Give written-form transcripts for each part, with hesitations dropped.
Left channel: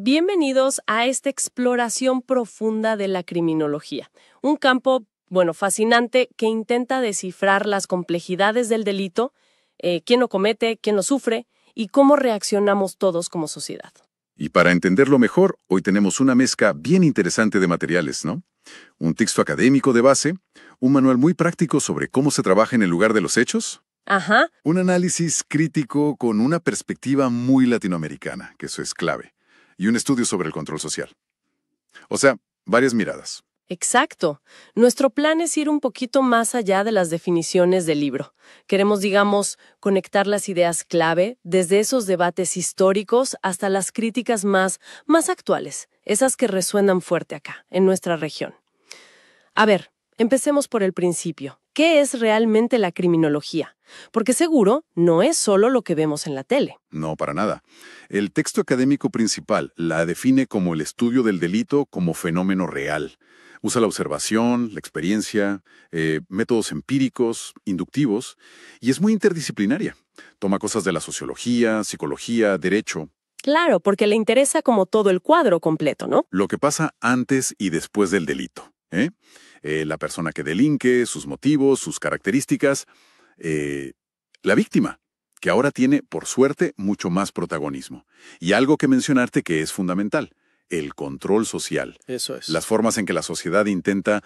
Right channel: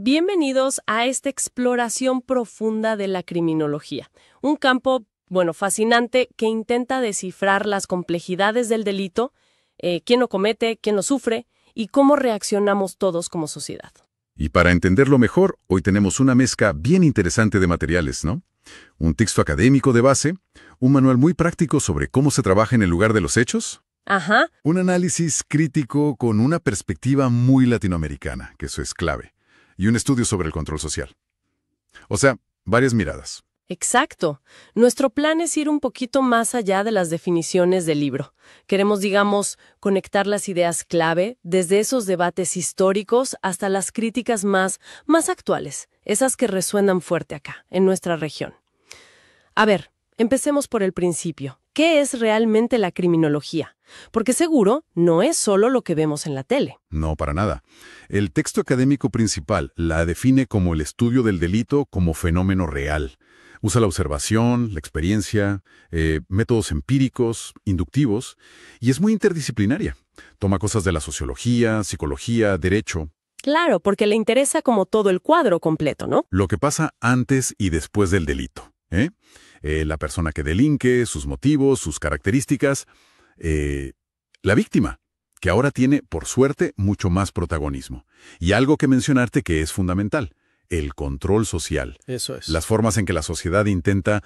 Bienvenidos a esta exploración profunda de la criminología, un campo, fascinante que intenta descifrar las complejidades del delito, quién lo comete, quién lo sufre y cómo reaccionamos todos como sociedad. Y para entenderlo mejor, hoy tenemos una mezcla bien interesante de materiales, ¿no? Un texto académico de base, un manual muy práctico sobre cómo se trabaja en el lugar de los hechos. Ajá. Un análisis crítico con una perspectiva muy latinoamericana, que eso es clave. Y un estudio sobre el control social. O sea, varias miradas. Exacto. Nuestro plan es ir un poquito más allá de las definiciones del libro. Queremos, conectar las ideas clave desde esos debates históricos hasta las críticas más actuales, esas que resuenan fuerte acá, en nuestra región. A ver, empecemos por el principio. ¿Qué es realmente la criminología? Porque seguro no es solo lo que vemos en la tele. No, para nada. El texto académico principal la define como el estudio del delito como fenómeno real. Usa la observación, la experiencia, métodos empíricos, inductivos, y es muy interdisciplinaria. Toma cosas de la sociología, psicología, derecho. Claro, porque le interesa como todo el cuadro completo, ¿no? Lo que pasa antes y después del delito. La persona que delinque, sus motivos, sus características. La víctima, que ahora tiene, por suerte, mucho más protagonismo. Y algo que mencionarte que es fundamental. El control social. Eso es. Las formas en que la sociedad intenta,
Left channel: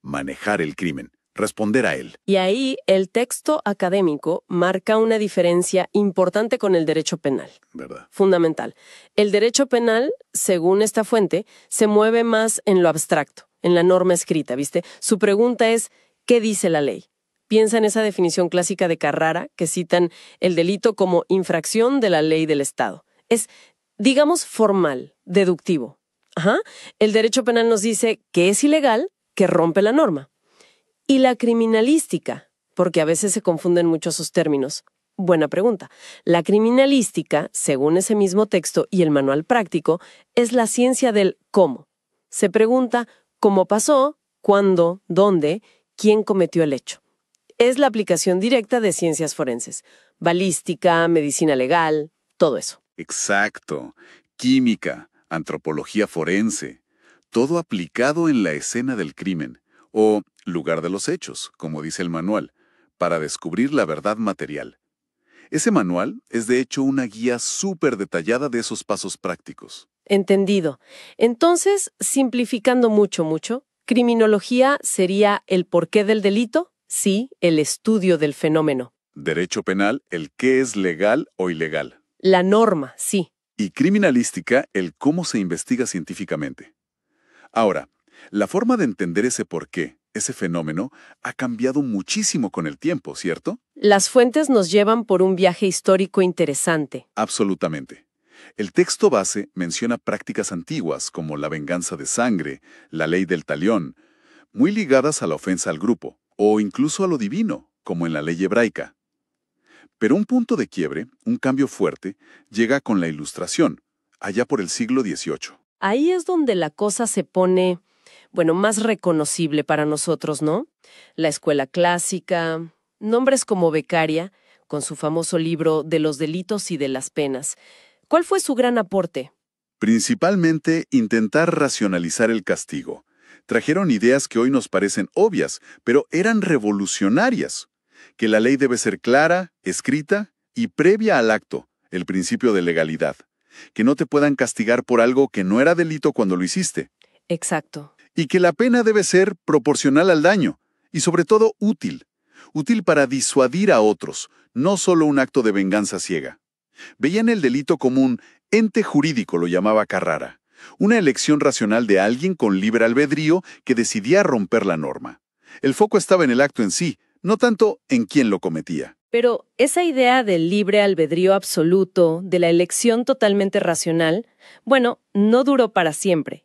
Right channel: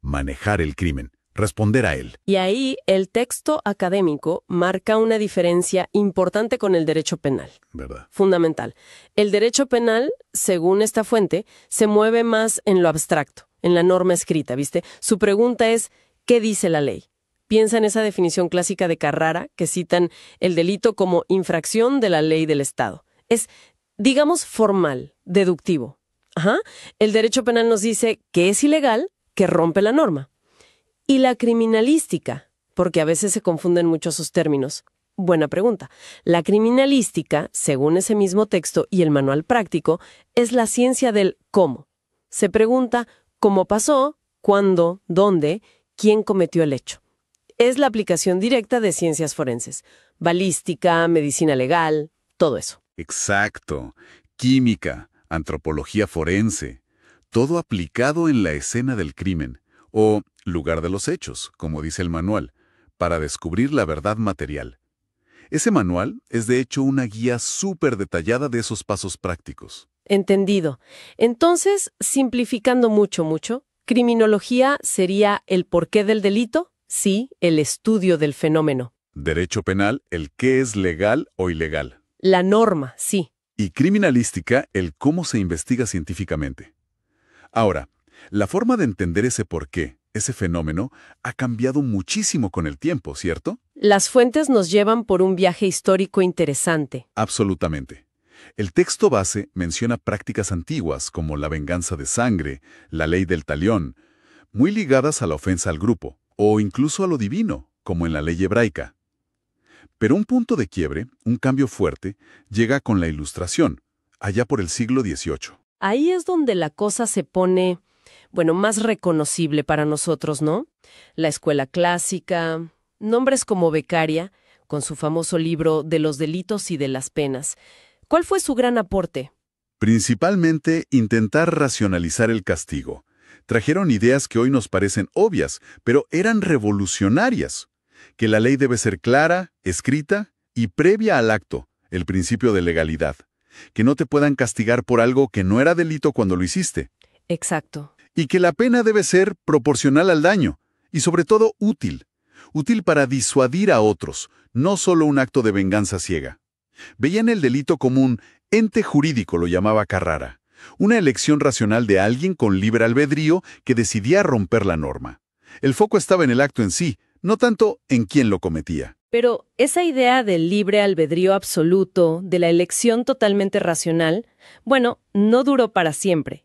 manejar el crimen, responder a él. Y ahí el texto académico marca una diferencia importante con el derecho penal. ¿Verdad? Fundamental. El derecho penal, según esta fuente, se mueve más en lo abstracto, en la norma escrita, ¿viste? Su pregunta es, ¿qué dice la ley? Piensa en esa definición clásica de Carrara, que citan el delito como infracción de la ley del Estado. Es, formal, deductivo. El derecho penal nos dice que es ilegal, que rompe la norma. Y la criminalística, porque a veces se confunden mucho sus términos. Buena pregunta. La criminalística, según ese mismo texto y el manual práctico, es la ciencia del cómo. Se pregunta cómo pasó, cuándo, dónde, quién cometió el hecho. Es la aplicación directa de ciencias forenses. Balística, medicina legal, todo eso. Exacto. Química, antropología forense. Todo aplicado en la escena del crimen, o lugar de los hechos, como dice el manual, para descubrir la verdad material. Ese manual es de hecho una guía súper detallada de esos pasos prácticos. Entendido. Entonces, simplificando mucho, criminología sería el porqué del delito, sí, el estudio del fenómeno. Derecho penal, el qué es legal o ilegal. La norma, sí. Y criminalística, el cómo se investiga científicamente. Ahora, la forma de entender ese porqué, ese fenómeno, ha cambiado muchísimo con el tiempo, ¿cierto? Las fuentes nos llevan por un viaje histórico interesante. Absolutamente. El texto base menciona prácticas antiguas como la venganza de sangre, la ley del talión, muy ligadas a la ofensa al grupo, o incluso a lo divino, como en la ley hebraica. Pero un punto de quiebre, un cambio fuerte, llega con la Ilustración, allá por el siglo XVIII. Ahí es donde la cosa se pone, más reconocible para nosotros, ¿no? La escuela clásica, nombres como Beccaria, con su famoso libro De los delitos y de las penas. ¿Cuál fue su gran aporte? Principalmente intentar racionalizar el castigo. Trajeron ideas que hoy nos parecen obvias, pero eran revolucionarias. Que la ley debe ser clara, escrita y previa al acto, el principio de legalidad. Que no te puedan castigar por algo que no era delito cuando lo hiciste. Exacto. Y que la pena debe ser proporcional al daño, y sobre todo útil. Útil para disuadir a otros, no solo un acto de venganza ciega. Veían el delito como un ente jurídico, lo llamaba Carrara. Una elección racional de alguien con libre albedrío que decidía romper la norma. El foco estaba en el acto en sí, no tanto en quién lo cometía. Pero esa idea del libre albedrío absoluto, de la elección totalmente racional, no duró para siempre.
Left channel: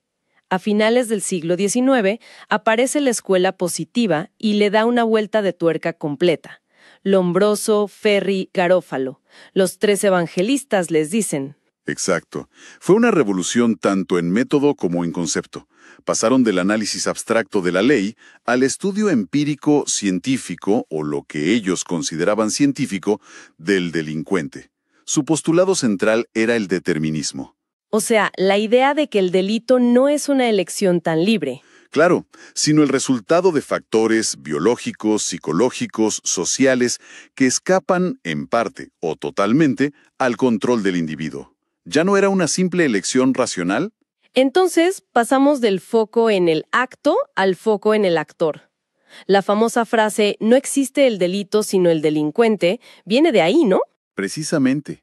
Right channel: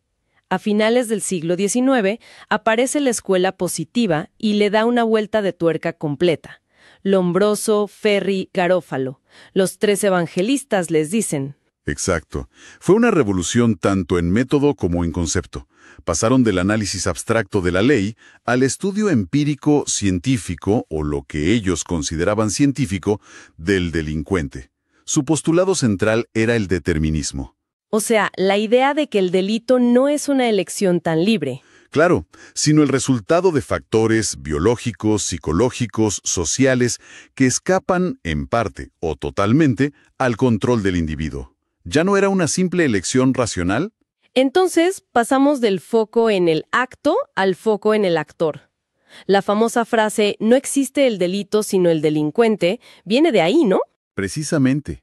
A finales del siglo XIX aparece la escuela positiva y le da una vuelta de tuerca completa. Lombroso, Ferri, Garófalo. Los tres evangelistas les dicen. Exacto. Fue una revolución tanto en método como en concepto. Pasaron del análisis abstracto de la ley al estudio empírico científico, o lo que ellos consideraban científico, del delincuente. Su postulado central era el determinismo. O sea, la idea de que el delito no es una elección tan libre. Claro, sino el resultado de factores biológicos, psicológicos, sociales, que escapan, en parte o totalmente, al control del individuo. ¿Ya no era una simple elección racional? Entonces, pasamos del foco en el acto al foco en el actor. La famosa frase, no existe el delito sino el delincuente, viene de ahí, ¿no? Precisamente.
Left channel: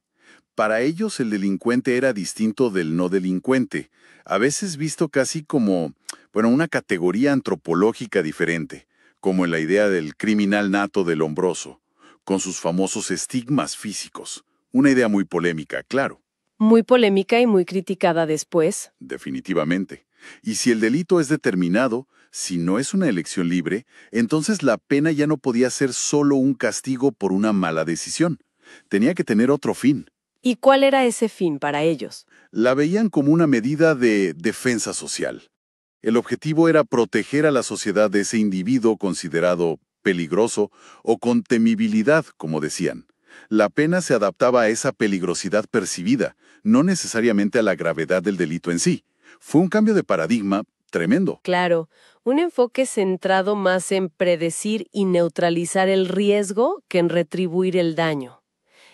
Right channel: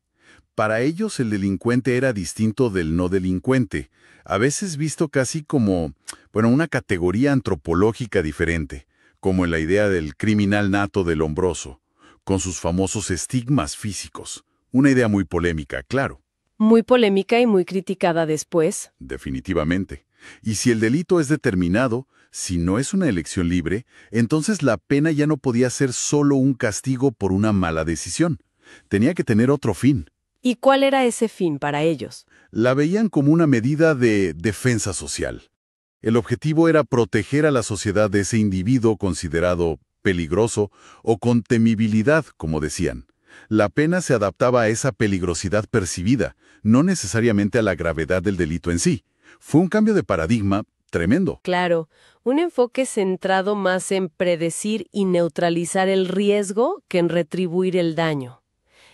Para ellos el delincuente era distinto del no delincuente, a veces visto casi como, una categoría antropológica diferente, como en la idea del criminal nato del Lombroso, con sus famosos estigmas físicos. Una idea muy polémica, claro. Muy polémica y muy criticada después. Definitivamente. Y si el delito es determinado, si no es una elección libre, entonces la pena ya no podía ser solo un castigo por una mala decisión. Tenía que tener otro fin. ¿Y cuál era ese fin para ellos? La veían como una medida de defensa social. El objetivo era proteger a la sociedad de ese individuo considerado peligroso o con temibilidad, como decían. La pena se adaptaba a esa peligrosidad percibida, no necesariamente a la gravedad del delito en sí. Fue un cambio de paradigma tremendo. Claro, un enfoque centrado más en predecir y neutralizar el riesgo que en retribuir el daño.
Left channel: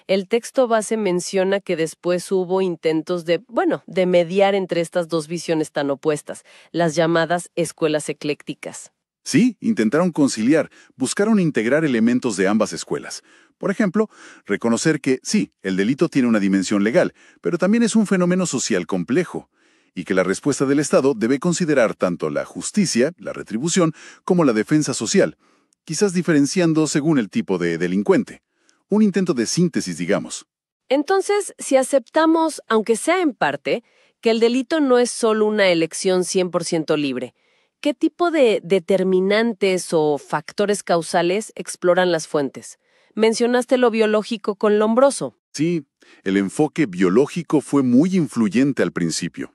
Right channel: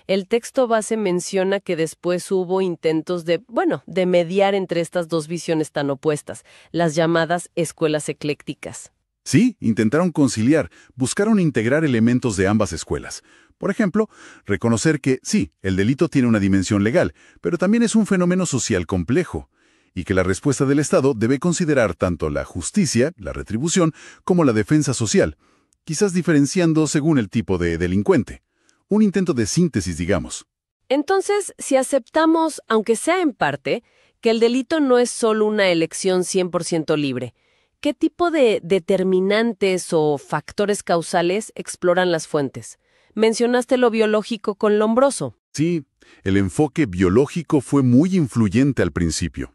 El texto base menciona que después hubo intentos de mediar entre estas dos visiones tan opuestas, las llamadas escuelas eclécticas. Sí, intentaron conciliar, buscaron integrar elementos de ambas escuelas. Por ejemplo, reconocer que, sí, el delito tiene una dimensión legal, pero también es un fenómeno social complejo, y que la respuesta del Estado debe considerar tanto la justicia, la retribución, como la defensa social, quizás diferenciando según el tipo de delincuente. Un intento de síntesis, digamos. Entonces, si aceptamos, aunque sea en parte, que el delito no es solo una elección 100% libre, ¿qué tipo de determinantes o factores causales exploran las fuentes? Mencionaste lo biológico con Lombroso. Sí, el enfoque biológico fue muy influyente al principio.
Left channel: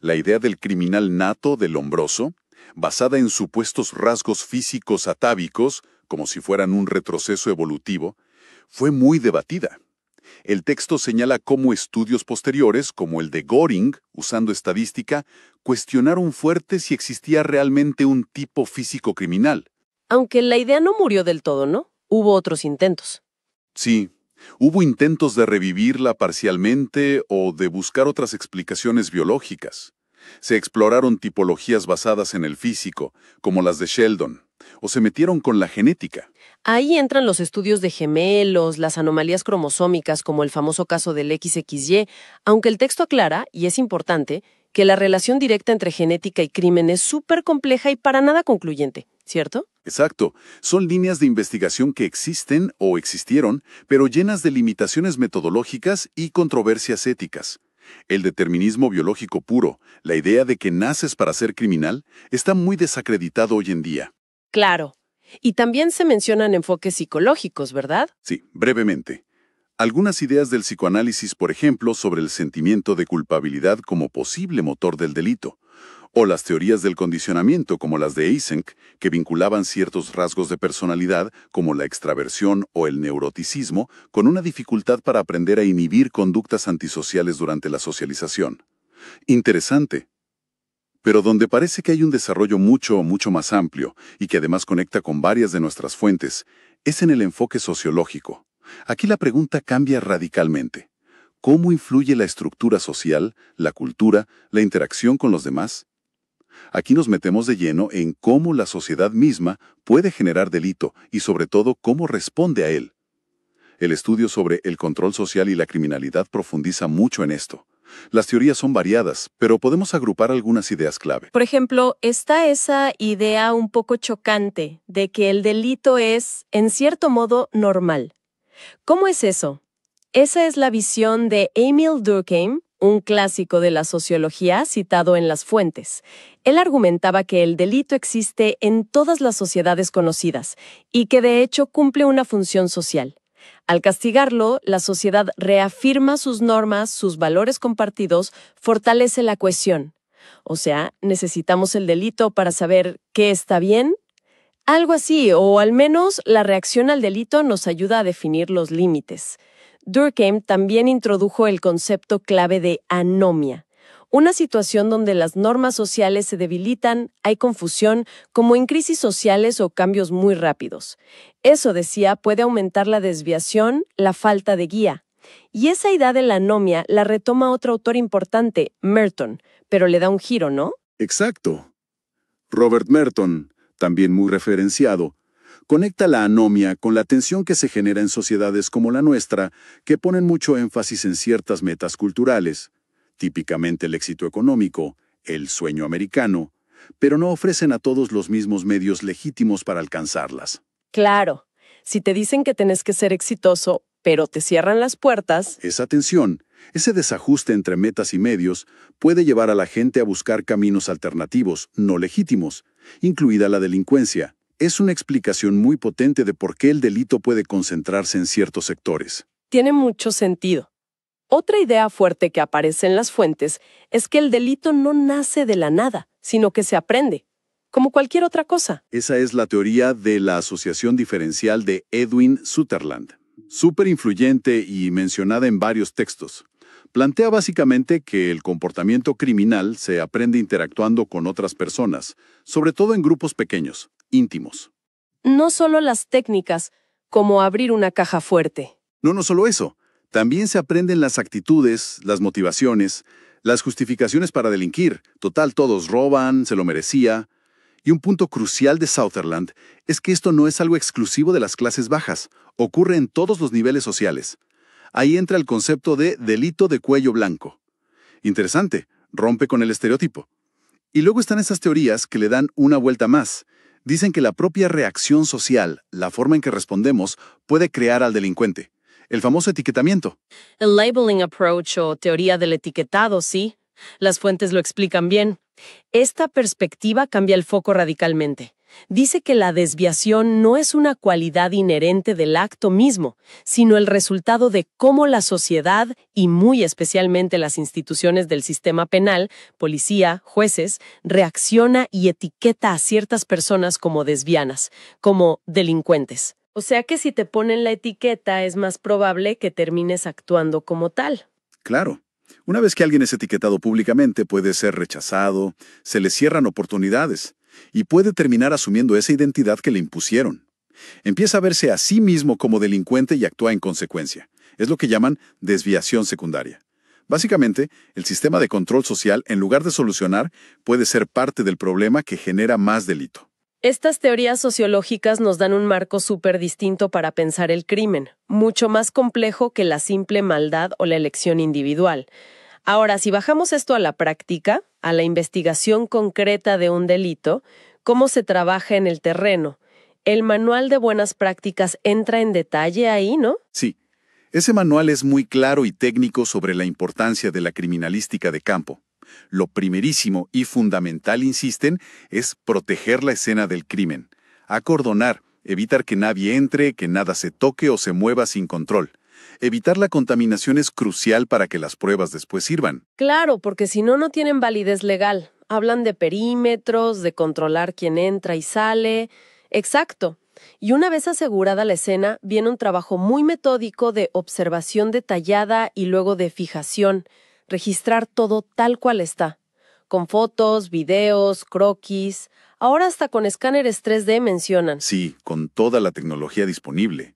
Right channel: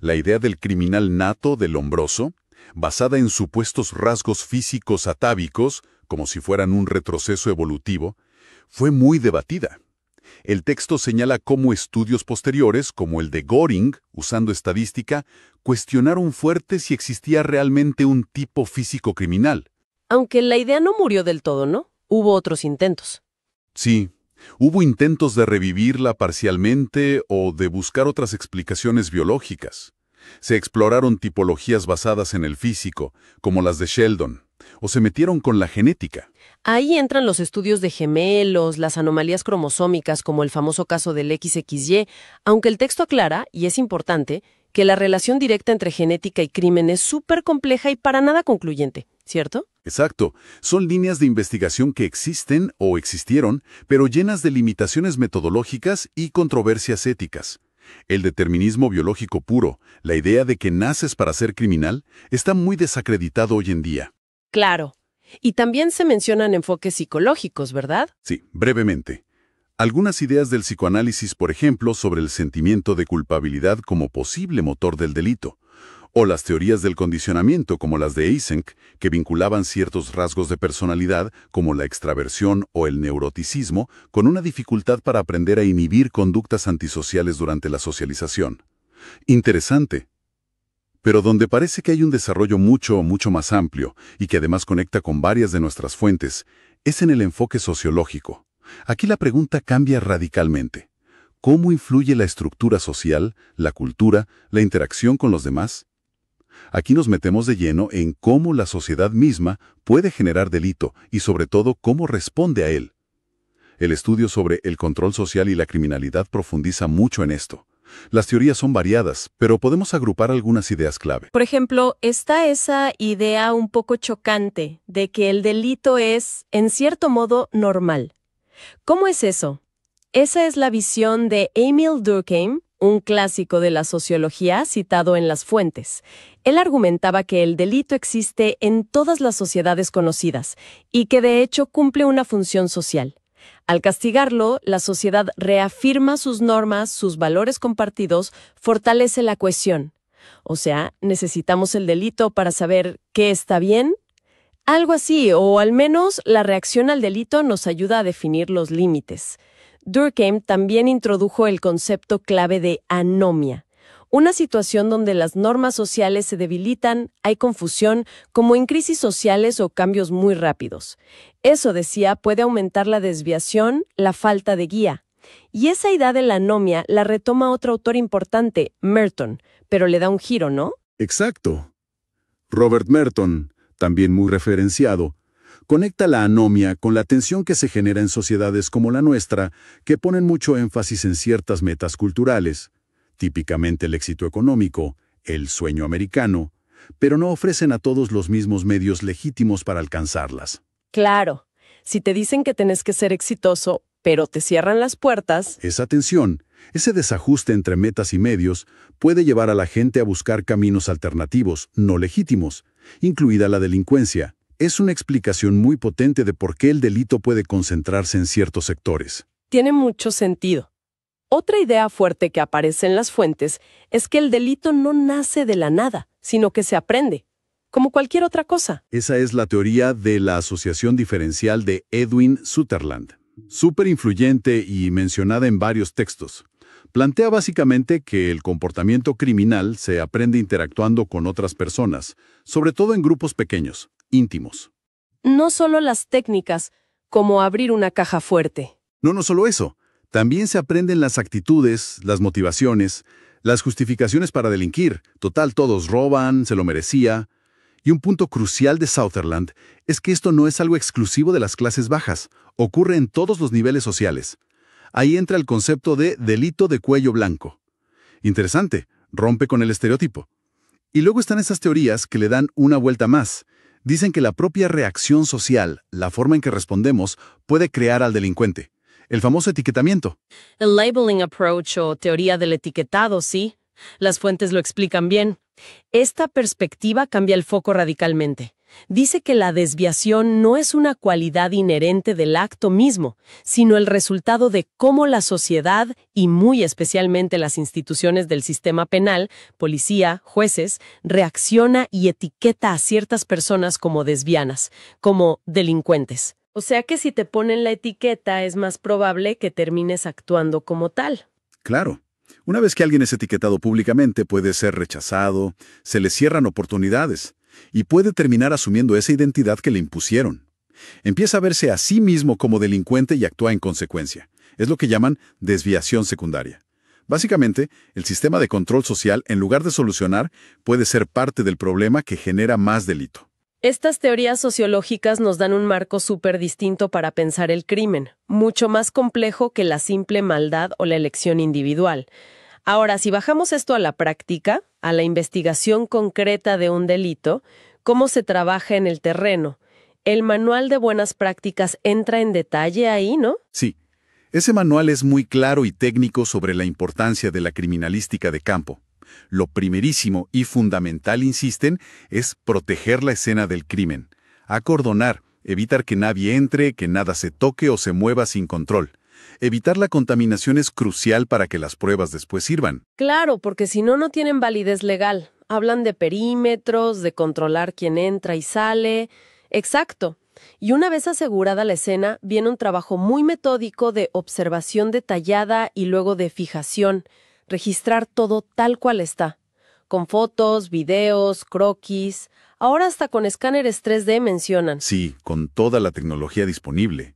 La idea del criminal nato del Lombroso, basada en supuestos rasgos físicos atávicos, como si fueran un retroceso evolutivo, fue muy debatida. El texto señala cómo estudios posteriores, como el de Göring, usando estadística, cuestionaron fuerte si existía realmente un tipo físico criminal. Aunque la idea no murió del todo, ¿no? Hubo otros intentos. Sí, hubo intentos de revivirla parcialmente o de buscar otras explicaciones biológicas. Se exploraron tipologías basadas en el físico, como las de Sheldon, o se metieron con la genética. Ahí entran los estudios de gemelos, las anomalías cromosómicas como el famoso caso del XXY, aunque el texto aclara, y es importante, que la relación directa entre genética y crimen es súper compleja y para nada concluyente, ¿cierto? Exacto. Son líneas de investigación que existen o existieron, pero llenas de limitaciones metodológicas y controversias éticas. El determinismo biológico puro, la idea de que naces para ser criminal, está muy desacreditado hoy en día. Claro. Y también se mencionan enfoques psicológicos, ¿verdad? Sí, brevemente. Algunas ideas del psicoanálisis, por ejemplo, sobre el sentimiento de culpabilidad como posible motor del delito, o las teorías del condicionamiento como las de Eysenck, que vinculaban ciertos rasgos de personalidad, como la extraversión o el neuroticismo, con una dificultad para aprender a inhibir conductas antisociales durante la socialización. Interesante. Pero donde parece que hay un desarrollo mucho más amplio y que además conecta con varias de nuestras fuentes, es en el enfoque sociológico. Aquí la pregunta cambia radicalmente. ¿Cómo influye la estructura social, la cultura, la interacción con los demás? Aquí nos metemos de lleno en cómo la sociedad misma puede generar delito y sobre todo cómo responde a él. El estudio sobre el control social y la criminalidad profundiza mucho en esto. Las teorías son variadas, pero podemos agrupar algunas ideas clave. Por ejemplo, está esa idea un poco chocante de que el delito es, en cierto modo, normal. ¿Cómo es eso? Esa es la visión de Émile Durkheim, un clásico de la sociología citado en las fuentes. Él argumentaba que el delito existe en todas las sociedades conocidas y que de hecho cumple una función social. Al castigarlo, la sociedad reafirma sus normas, sus valores compartidos, fortalece la cohesión. O sea, necesitamos el delito para saber qué está bien. Algo así, o al menos la reacción al delito nos ayuda a definir los límites. Durkheim también introdujo el concepto clave de anomia, Una situación donde las normas sociales se debilitan, hay confusión, como en crisis sociales o cambios muy rápidos. Eso, decía, puede aumentar la desviación, la falta de guía. Y esa idea de la anomia la retoma otro autor importante, Merton, pero le da un giro, ¿no? Exacto. Robert Merton, también muy referenciado, conecta la anomia con la tensión que se genera en sociedades como la nuestra, que ponen mucho énfasis en ciertas metas culturales, típicamente el éxito económico, el sueño americano, pero no ofrecen a todos los mismos medios legítimos para alcanzarlas. Claro, si te dicen que tenés que ser exitoso, pero te cierran las puertas. Esa tensión, ese desajuste entre metas y medios, puede llevar a la gente a buscar caminos alternativos, no legítimos, incluida la delincuencia. Es una explicación muy potente de por qué el delito puede concentrarse en ciertos sectores. Tiene mucho sentido. Otra idea fuerte que aparece en las fuentes es que el delito no nace de la nada, sino que se aprende, como cualquier otra cosa. Esa es la teoría de la asociación diferencial de Edwin Sutherland, súper influyente y mencionada en varios textos. Plantea básicamente que el comportamiento criminal se aprende interactuando con otras personas, sobre todo en grupos pequeños, íntimos. No solo las técnicas, como abrir una caja fuerte. No solo eso. También se aprenden las actitudes, las motivaciones, las justificaciones para delinquir. Total, todos roban, se lo merecía. Y un punto crucial de Sutherland es que esto no es algo exclusivo de las clases bajas. Ocurre en todos los niveles sociales. Ahí entra el concepto de delito de cuello blanco. Interesante, rompe con el estereotipo. Y luego están esas teorías que le dan una vuelta más. Dicen que la propia reacción social, la forma en que respondemos, puede crear al delincuente. El famoso etiquetamiento. El labeling approach o teoría del etiquetado, sí. Las fuentes lo explican bien. Esta perspectiva cambia el foco radicalmente. Dice que la desviación no es una cualidad inherente del acto mismo, sino el resultado de cómo la sociedad, y muy especialmente las instituciones del sistema penal, policía, jueces, reacciona y etiqueta a ciertas personas como desvianas, como delincuentes. O sea que si te ponen la etiqueta es más probable que termines actuando como tal. Claro. Una vez que alguien es etiquetado públicamente, puede ser rechazado, se le cierran oportunidades, y puede terminar asumiendo esa identidad que le impusieron. Empieza a verse a sí mismo como delincuente y actúa en consecuencia. Es lo que llaman desviación secundaria. Básicamente, el sistema de control social, en lugar de solucionar, puede ser parte del problema que genera más delito. Estas teorías sociológicas nos dan un marco súper distinto para pensar el crimen, mucho más complejo que la simple maldad o la elección individual. Ahora, si bajamos esto a la práctica, a la investigación concreta de un delito, ¿cómo se trabaja en el terreno? El manual de buenas prácticas entra en detalle ahí, ¿no? Sí, ese manual es muy claro y técnico sobre la importancia de la criminalística de campo. Lo primerísimo y fundamental, insisten, es proteger la escena del crimen, acordonar, evitar que nadie entre, que nada se toque o se mueva sin control. Evitar la contaminación es crucial para que las pruebas después sirvan. Claro, porque si no, no tienen validez legal. Hablan de perímetros, de controlar quién entra y sale. Exacto. Y una vez asegurada la escena, viene un trabajo muy metódico de observación detallada y luego de fijación. Registrar todo tal cual está, con fotos, videos, croquis, ahora hasta con escáneres 3D mencionan. Sí, con toda la tecnología disponible.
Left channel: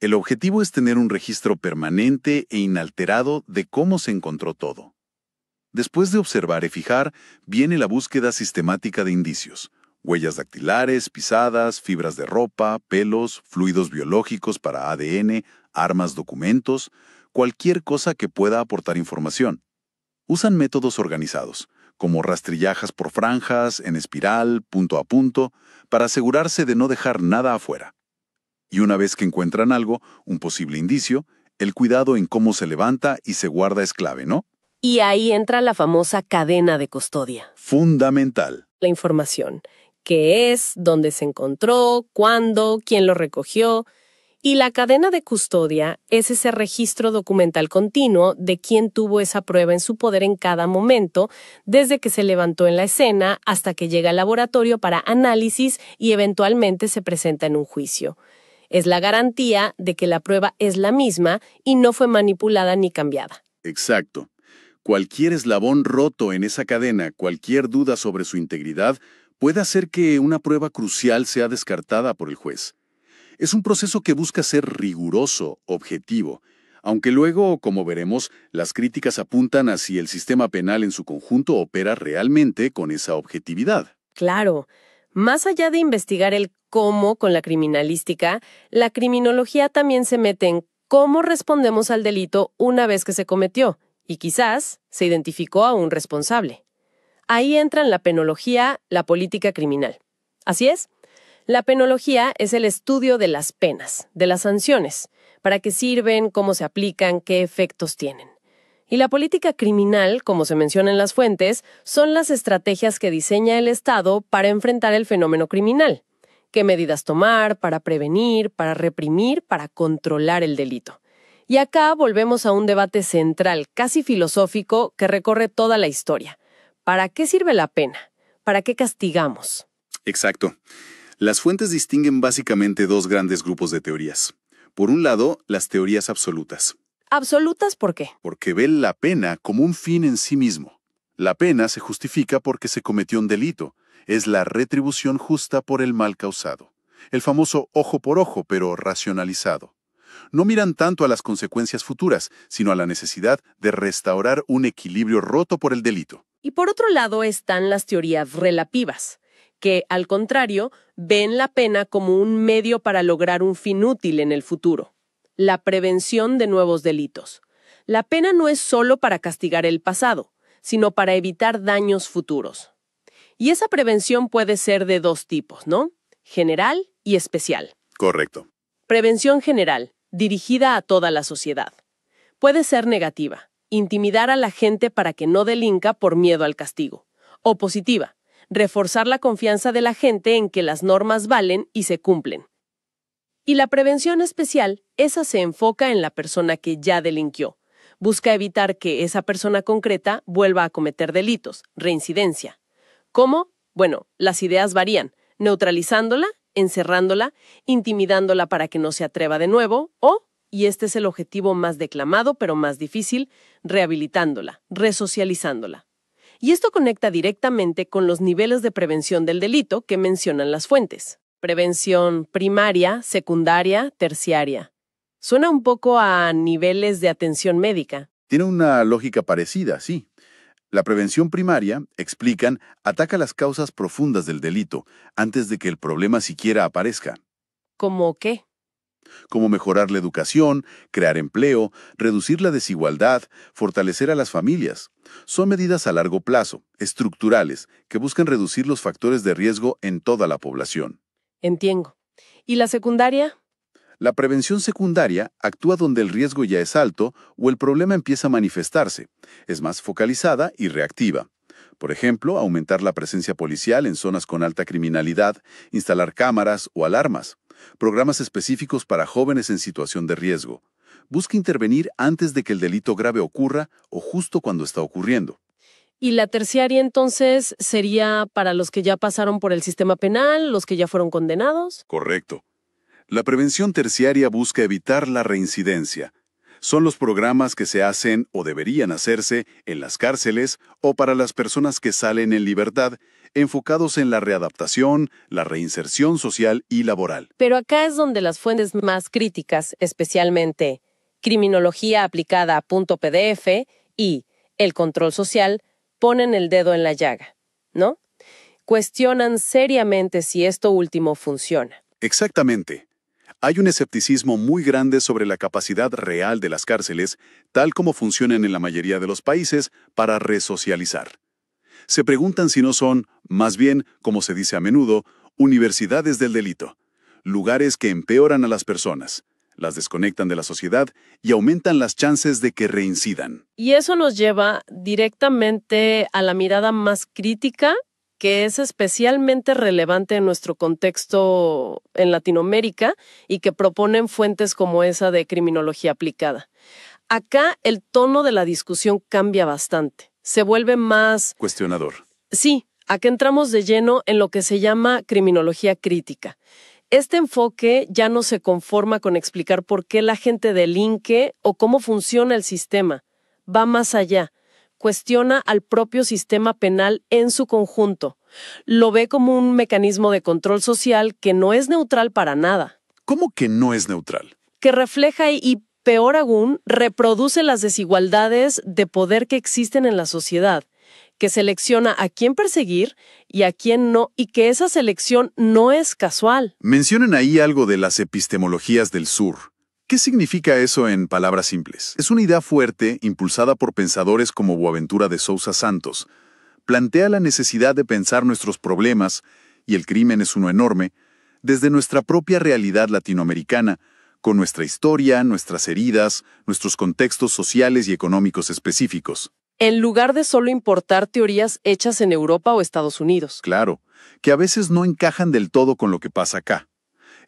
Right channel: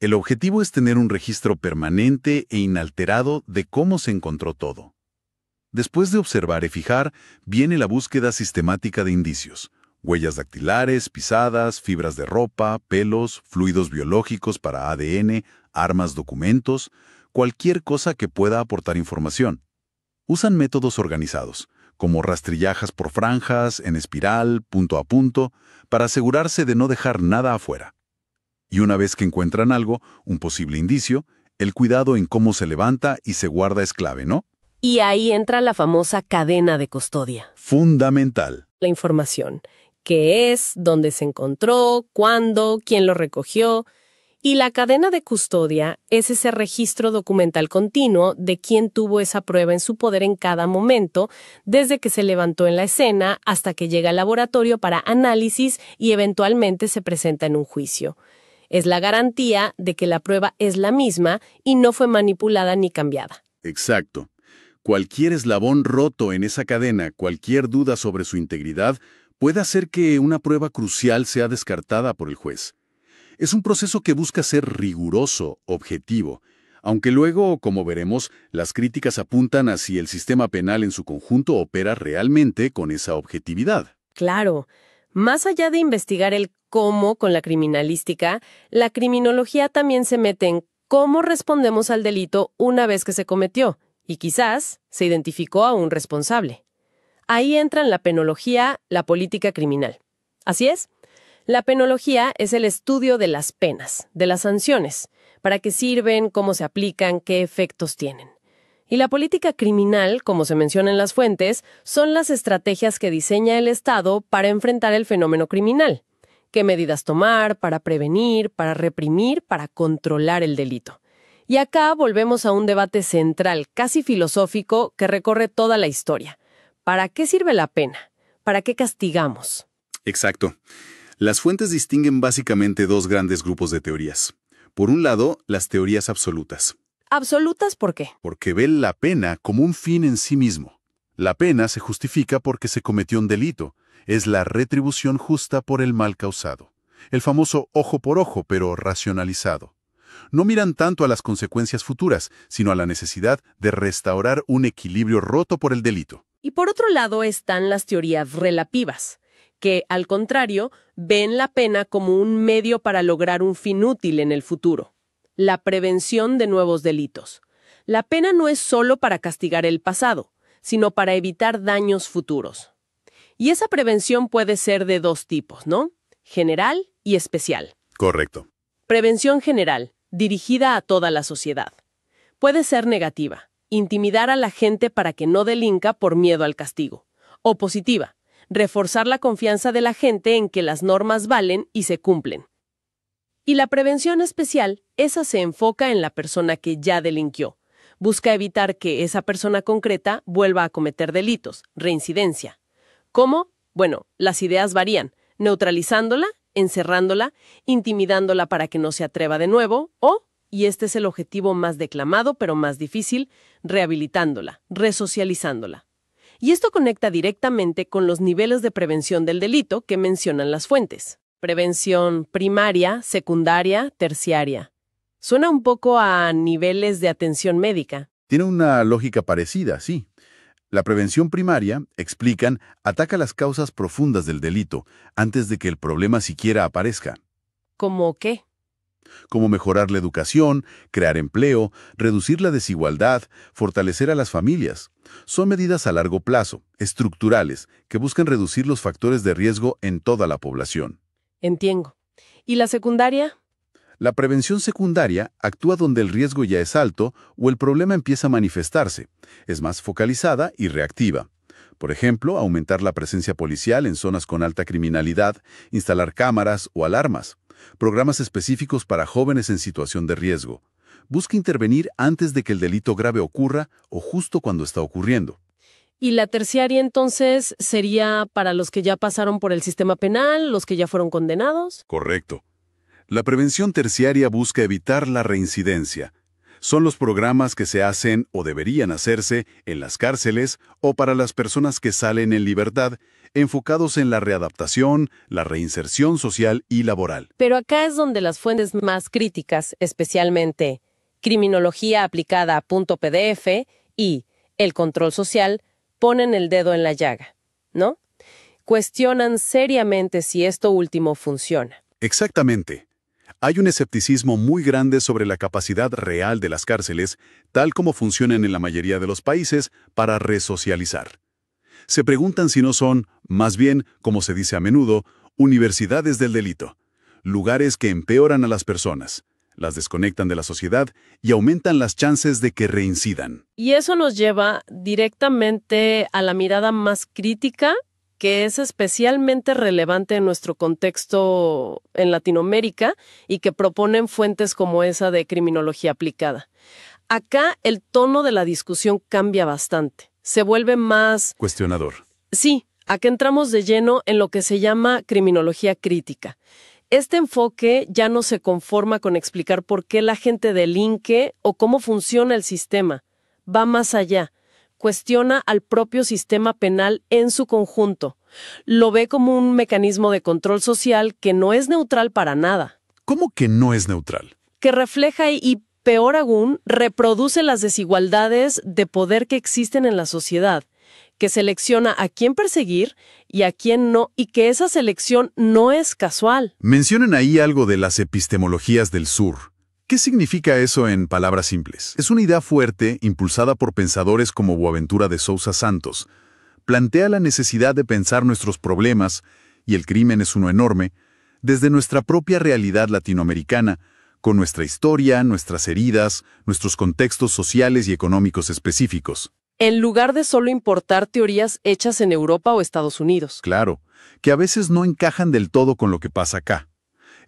El objetivo es tener un registro permanente e inalterado de cómo se encontró todo. Después de observar y fijar, viene la búsqueda sistemática de indicios, huellas dactilares, pisadas, fibras de ropa, pelos, fluidos biológicos para ADN, armas, documentos, cualquier cosa que pueda aportar información. Usan métodos organizados, como rastrillajas por franjas, en espiral, punto a punto, para asegurarse de no dejar nada afuera. Y una vez que encuentran algo, un posible indicio, el cuidado en cómo se levanta y se guarda es clave, ¿no? Y ahí entra la famosa cadena de custodia. Fundamental. La información. ¿Qué es? ¿Dónde se encontró? ¿Cuándo? ¿Quién lo recogió? Y la cadena de custodia es ese registro documental continuo de quién tuvo esa prueba en su poder en cada momento, desde que se levantó en la escena hasta que llega al laboratorio para análisis y eventualmente se presenta en un juicio. Es la garantía de que la prueba es la misma y no fue manipulada ni cambiada. Exacto. Cualquier eslabón roto en esa cadena, cualquier duda sobre su integridad, puede hacer que una prueba crucial sea descartada por el juez. Es un proceso que busca ser riguroso, objetivo, aunque luego, como veremos, las críticas apuntan a si el sistema penal en su conjunto opera realmente con esa objetividad. Claro, más allá de investigar el cómo con la criminalística, la criminología también se mete en cómo respondemos al delito una vez que se cometió, y quizás se identificó a un responsable. Ahí entran la penología, la política criminal. Así es, la penología es el estudio de las penas, de las sanciones, para qué sirven, cómo se aplican, qué efectos tienen. Y la política criminal, como se menciona en las fuentes, son las estrategias que diseña el Estado para enfrentar el fenómeno criminal. ¿Qué medidas tomar para prevenir, para reprimir, para controlar el delito? Y acá volvemos a un debate central, casi filosófico, que recorre toda la historia. ¿Para qué sirve la pena? ¿Para qué castigamos? Exacto. Las fuentes distinguen básicamente dos grandes grupos de teorías. Por un lado, las teorías absolutas. ¿Absolutas por qué? Porque ven la pena como un fin en sí mismo. La pena se justifica porque se cometió un delito. Es la retribución justa por el mal causado. El famoso ojo por ojo, pero racionalizado. No miran tanto a las consecuencias futuras, sino a la necesidad de restaurar un equilibrio roto por el delito. Y por otro lado están las teorías relativas, que, al contrario, ven la pena como un medio para lograr un fin útil en el futuro. La prevención de nuevos delitos. La pena no es solo para castigar el pasado, sino para evitar daños futuros. Y esa prevención puede ser de dos tipos, ¿no? General y especial. Correcto. Prevención general, dirigida a toda la sociedad. Puede ser negativa, intimidar a la gente para que no delinca por miedo al castigo. O positiva, reforzar la confianza de la gente en que las normas valen y se cumplen. Y la prevención especial, esa se enfoca en la persona que ya delinquió. Busca evitar que esa persona concreta vuelva a cometer delitos, reincidencia. ¿Cómo? Bueno, las ideas varían, neutralizándola, encerrándola, intimidándola para que no se atreva de nuevo, o, y este es el objetivo más declamado pero más difícil, rehabilitándola, resocializándola. Y esto conecta directamente con los niveles de prevención del delito que mencionan las fuentes. Prevención primaria, secundaria, terciaria. Suena un poco a niveles de atención médica. Tiene una lógica parecida, sí. La prevención primaria, explican, ataca las causas profundas del delito antes de que el problema siquiera aparezca. ¿Cómo qué? Como mejorar la educación, crear empleo, reducir la desigualdad, fortalecer a las familias. Son medidas a largo plazo, estructurales, que buscan reducir los factores de riesgo en toda la población. Entiendo. ¿Y la secundaria? La prevención secundaria actúa donde el riesgo ya es alto o el problema empieza a manifestarse. Es más focalizada y reactiva. Por ejemplo, aumentar la presencia policial en zonas con alta criminalidad, instalar cámaras o alarmas, programas específicos para jóvenes en situación de riesgo. Busca intervenir antes de que el delito grave ocurra o justo cuando está ocurriendo. ¿Y la terciaria entonces sería para los que ya pasaron por el sistema penal, los que ya fueron condenados? Correcto. La prevención terciaria busca evitar la reincidencia. Son los programas que se hacen o deberían hacerse en las cárceles o para las personas que salen en libertad, enfocados en la readaptación, la reinserción social y laboral. Pero acá es donde las fuentes más críticas, especialmente Criminología aplicada a .pdf y El control social, ponen el dedo en la llaga, ¿no? Cuestionan seriamente si esto último funciona. Exactamente. Hay un escepticismo muy grande sobre la capacidad real de las cárceles, tal como funcionan en la mayoría de los países, para resocializar. Se preguntan si no son, más bien, como se dice a menudo, universidades del delito, lugares que empeoran a las personas, las desconectan de la sociedad y aumentan las chances de que reincidan. Y eso nos lleva directamente a la mirada más crítica, que es especialmente relevante en nuestro contexto en Latinoamérica y que proponen fuentes como esa de criminología aplicada. Acá el tono de la discusión cambia bastante. Se vuelve más... cuestionador. Sí, acá entramos de lleno en lo que se llama criminología crítica. Este enfoque ya no se conforma con explicar por qué la gente delinque o cómo funciona el sistema. Va más allá. cuestiona al propio sistema penal en su conjunto. Lo ve como un mecanismo de control social que no es neutral para nada. ¿Cómo que no es neutral? Que refleja y, peor aún, reproduce las desigualdades de poder que existen en la sociedad, que selecciona a quién perseguir y a quién no, y que esa selección no es casual. Mencionen ahí algo de las epistemologías del sur. ¿Qué significa eso en palabras simples? Es una idea fuerte, impulsada por pensadores como Boaventura de Sousa Santos. Plantea la necesidad de pensar nuestros problemas, y el crimen es uno enorme, desde nuestra propia realidad latinoamericana, con nuestra historia, nuestras heridas, nuestros contextos sociales y económicos específicos. En lugar de solo importar teorías hechas en Europa o Estados Unidos. Claro, que a veces no encajan del todo con lo que pasa acá.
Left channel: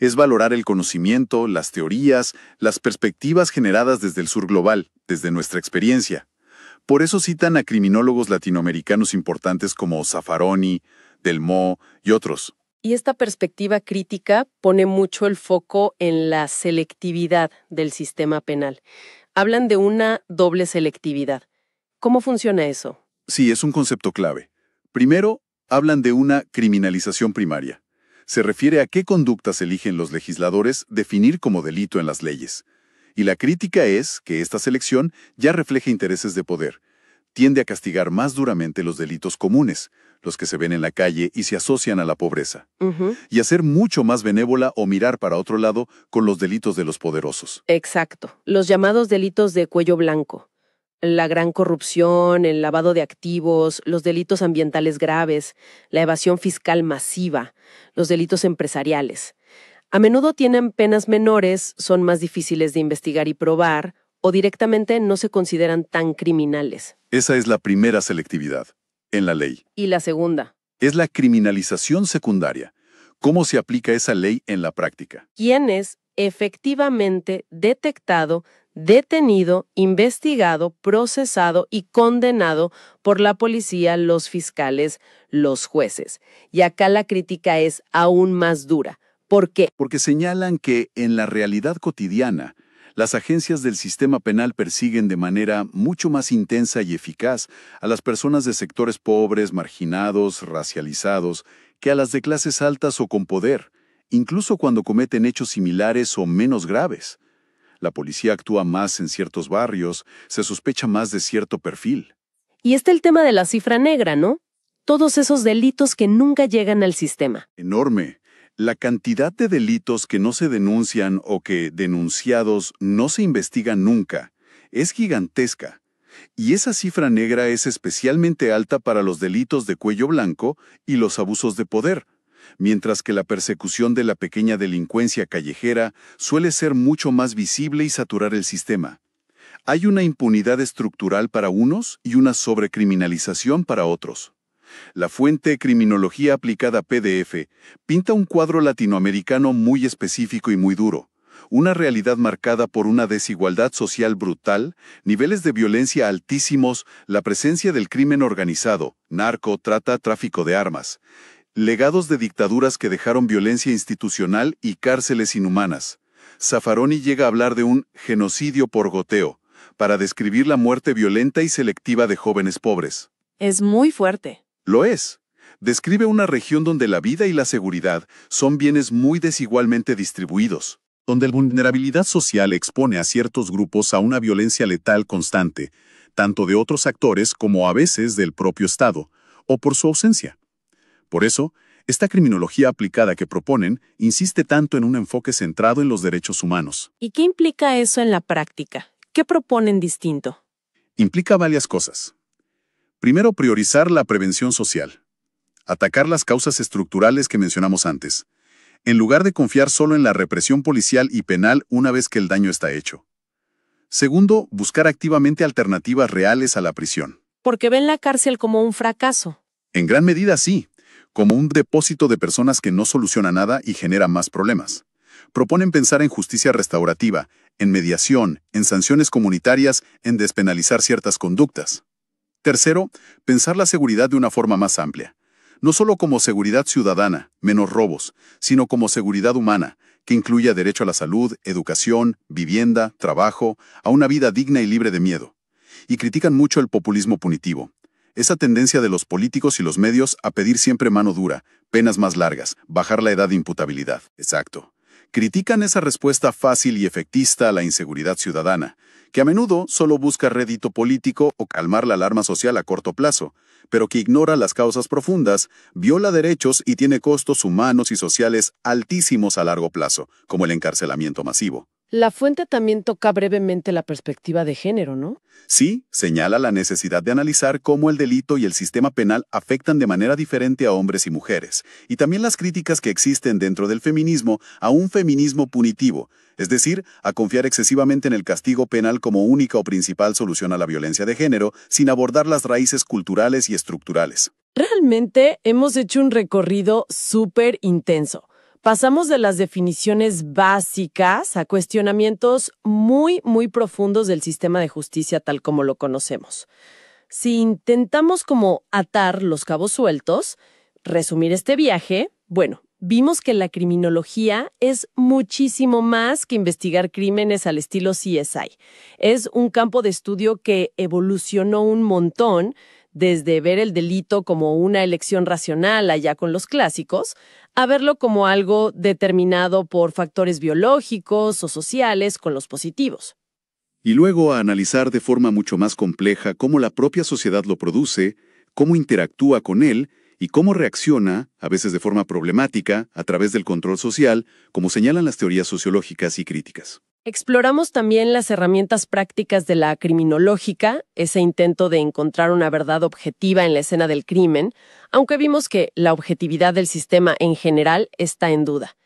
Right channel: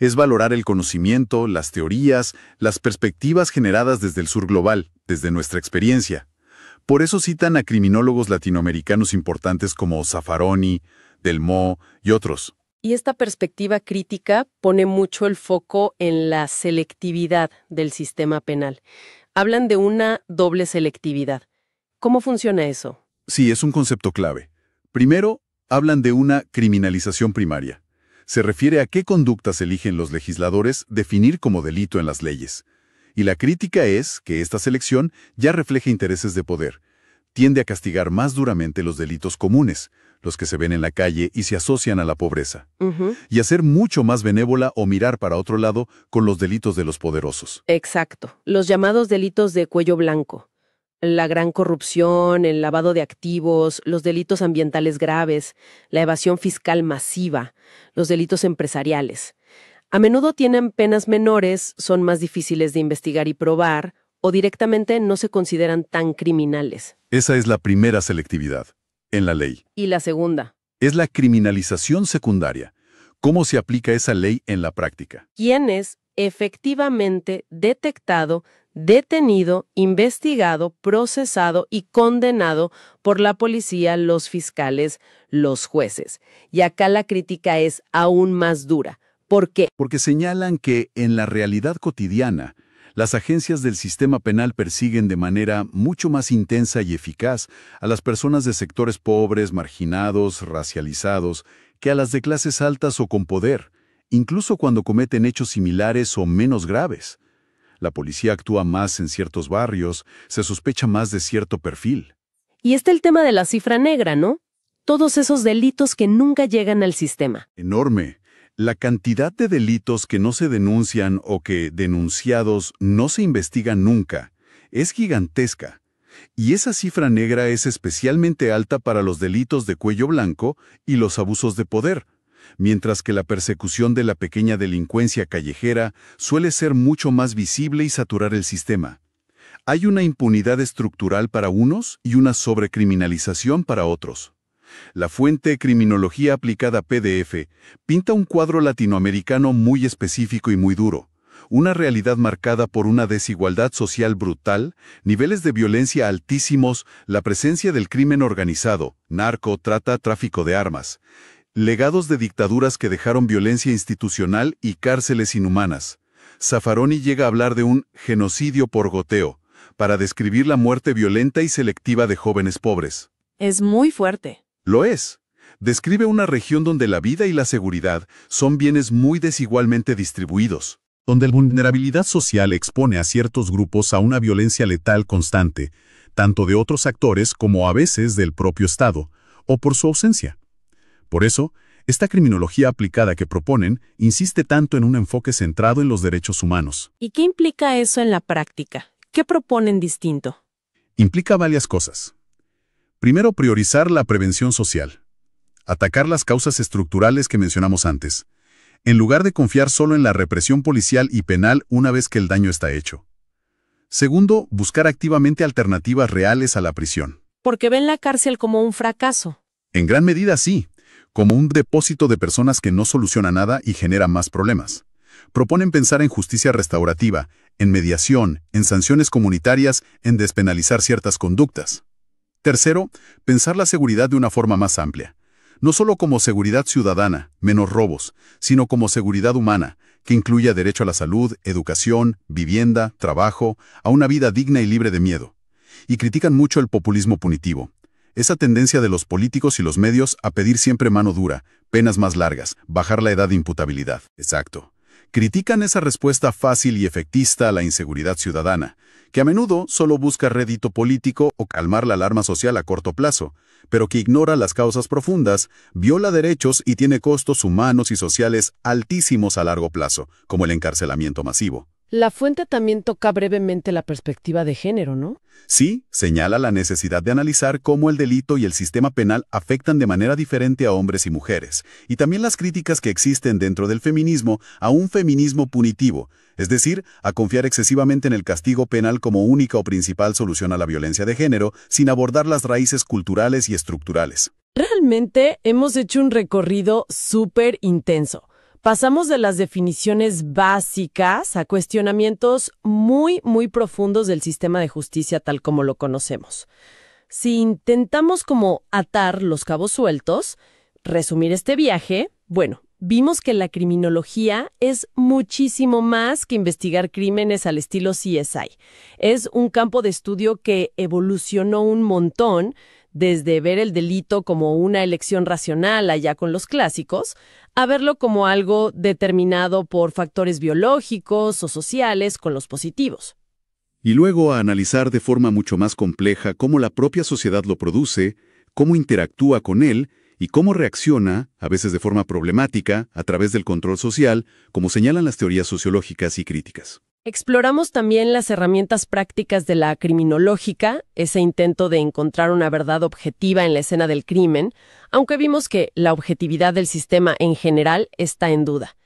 Es valorar el conocimiento, las teorías, las perspectivas generadas desde el sur global, desde nuestra experiencia. Por eso citan a criminólogos latinoamericanos importantes como Zaffaroni, Delmó y otros. Y esta perspectiva crítica pone mucho el foco en la selectividad del sistema penal. Hablan de una doble selectividad. ¿Cómo funciona eso? Sí, es un concepto clave. Primero, hablan de una criminalización primaria. Se refiere a qué conductas eligen los legisladores definir como delito en las leyes. Y la crítica es que esta selección ya refleja intereses de poder. Tiende a castigar más duramente los delitos comunes, los que se ven en la calle y se asocian a la pobreza. Y a ser mucho más benévola o mirar para otro lado con los delitos de los poderosos. Exacto. Los llamados delitos de cuello blanco. La gran corrupción, el lavado de activos, los delitos ambientales graves, la evasión fiscal masiva, los delitos empresariales. A menudo tienen penas menores, son más difíciles de investigar y probar, o directamente no se consideran tan criminales. Esa es la primera selectividad, en la ley. ¿Y la segunda? Es la criminalización secundaria. ¿Cómo se aplica esa ley en la práctica? ¿Quién es efectivamente detectado, detenido, investigado, procesado y condenado por la policía, los fiscales, los jueces? Y acá la crítica es aún más dura. ¿Por qué? Porque señalan que en la realidad cotidiana, las agencias del sistema penal persiguen de manera mucho más intensa y eficaz a las personas de sectores pobres, marginados, racializados, que a las de clases altas o con poder, incluso cuando cometen hechos similares o menos graves. La policía actúa más en ciertos barrios, se sospecha más de cierto perfil. Y está el tema de la cifra negra, ¿no? Todos esos delitos que nunca llegan al sistema. Enorme. La cantidad de delitos que no se denuncian o que, denunciados, no se investigan nunca, es gigantesca. Y esa cifra negra es especialmente alta para los delitos de cuello blanco y los abusos de poder, mientras que la persecución de la pequeña delincuencia callejera suele ser mucho más visible y saturar el sistema. Hay una impunidad estructural para unos y una sobrecriminalización para otros. La fuente Criminología Aplicada PDF pinta un cuadro latinoamericano muy específico y muy duro, una realidad marcada por una desigualdad social brutal, niveles de violencia altísimos, la presencia del crimen organizado, narco, trata, tráfico de armas, legados de dictaduras que dejaron violencia institucional y cárceles inhumanas. Zaffaroni llega a hablar de un genocidio por goteo, para describir la muerte violenta y selectiva de jóvenes pobres. Es muy fuerte. Lo es. Describe una región donde la vida y la seguridad son bienes muy desigualmente distribuidos, donde la vulnerabilidad social expone a ciertos grupos a una violencia letal constante, tanto de otros actores como a veces del propio Estado, o por su ausencia. Por eso, esta criminología aplicada que proponen insiste tanto en un enfoque centrado en los derechos humanos. ¿Y qué implica eso en la práctica? ¿Qué proponen distinto? Implica varias cosas. Primero, priorizar la prevención social. Atacar las causas estructurales que mencionamos antes, en lugar de confiar solo en la represión policial y penal una vez que el daño está hecho. Segundo, buscar activamente alternativas reales a la prisión. Porque ven la cárcel como un fracaso. En gran medida sí, como un depósito de personas que no soluciona nada y genera más problemas. Proponen pensar en justicia restaurativa, en mediación, en sanciones comunitarias, en despenalizar ciertas conductas. Tercero, pensar la seguridad de una forma más amplia. No solo como seguridad ciudadana, menos robos, sino como seguridad humana, que incluya derecho a la salud, educación, vivienda, trabajo, a una vida digna y libre de miedo. Y critican mucho el populismo punitivo. Esa tendencia de los políticos y los medios a pedir siempre mano dura, penas más largas, bajar la edad de imputabilidad. Exacto. Critican esa respuesta fácil y efectista a la inseguridad ciudadana, que a menudo solo busca rédito político o calmar la alarma social a corto plazo, pero que ignora las causas profundas, viola derechos y tiene costos humanos y sociales altísimos a largo plazo, como el encarcelamiento masivo. La fuente también toca brevemente la perspectiva de género, ¿no? Sí, señala la necesidad de analizar cómo el delito y el sistema penal afectan de manera diferente a hombres y mujeres, y también las críticas que existen dentro del feminismo a un feminismo punitivo, es decir, a confiar excesivamente en el castigo penal como única o principal solución a la violencia de género, sin abordar las raíces culturales y estructurales. Realmente hemos hecho un recorrido súper intenso. Pasamos de las definiciones básicas a cuestionamientos muy profundos del sistema de justicia tal como lo conocemos. Si intentamos como atar los cabos sueltos, resumir este viaje, bueno, vimos que la criminología es muchísimo más que investigar crímenes al estilo CSI. Es un campo de estudio que evolucionó un montón, desde ver el delito como una elección racional allá con los clásicos, a verlo como algo determinado por factores biológicos o sociales con los positivos. Y luego a analizar de forma mucho más compleja cómo la propia sociedad lo produce, cómo interactúa con él y cómo reacciona, a veces de forma problemática, a través del control social, como señalan las teorías sociológicas y críticas. Exploramos también las herramientas prácticas de la criminológica, ese intento de encontrar una verdad objetiva en la escena del crimen, aunque vimos que la objetividad del sistema en general está en duda.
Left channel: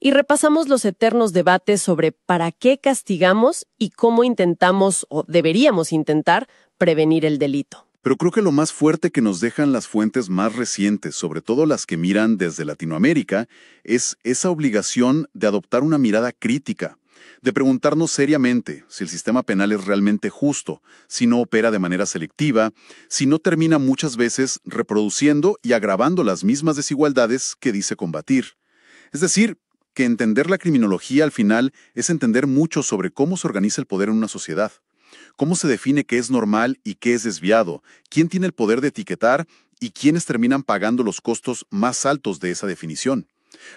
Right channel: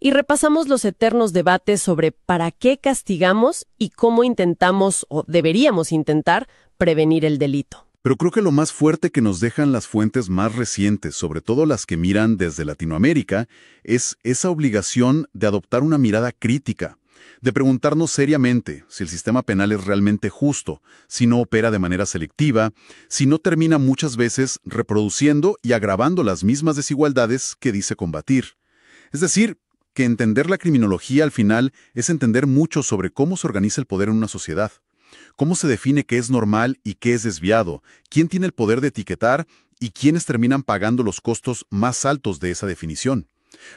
Y repasamos los eternos debates sobre para qué castigamos y cómo intentamos o deberíamos intentar prevenir el delito. Pero creo que lo más fuerte que nos dejan las fuentes más recientes, sobre todo las que miran desde Latinoamérica, es esa obligación de adoptar una mirada crítica, de preguntarnos seriamente si el sistema penal es realmente justo, si no opera de manera selectiva, si no termina muchas veces reproduciendo y agravando las mismas desigualdades que dice combatir. Es decir, que entender la criminología al final es entender mucho sobre cómo se organiza el poder en una sociedad, cómo se define qué es normal y qué es desviado, quién tiene el poder de etiquetar y quiénes terminan pagando los costos más altos de esa definición.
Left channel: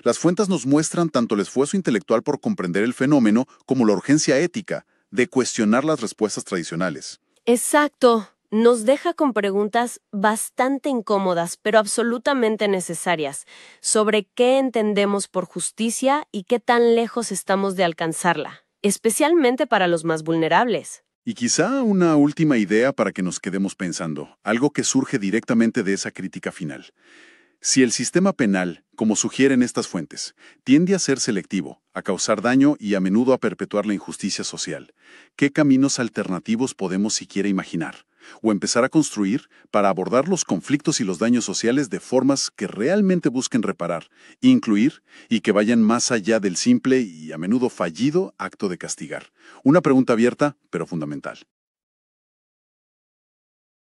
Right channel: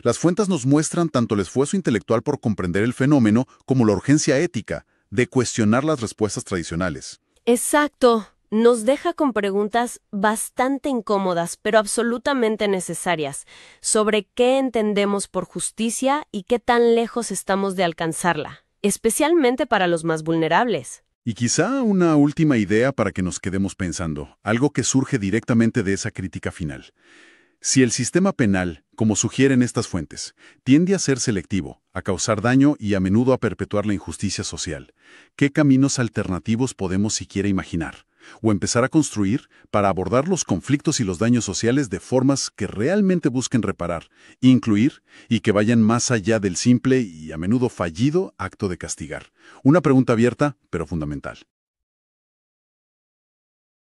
Las fuentes nos muestran tanto el esfuerzo intelectual por comprender el fenómeno como la urgencia ética de cuestionar las respuestas tradicionales. Exacto. Nos deja con preguntas bastante incómodas, pero absolutamente necesarias, sobre qué entendemos por justicia y qué tan lejos estamos de alcanzarla, especialmente para los más vulnerables. Y quizá una última idea para que nos quedemos pensando, algo que surge directamente de esa crítica final. Si el sistema penal, como sugieren estas fuentes, tiende a ser selectivo, a causar daño y a menudo a perpetuar la injusticia social, ¿qué caminos alternativos podemos siquiera imaginar? O empezar a construir para abordar los conflictos y los daños sociales de formas que realmente busquen reparar, incluir y que vayan más allá del simple y a menudo fallido acto de castigar. Una pregunta abierta, pero fundamental.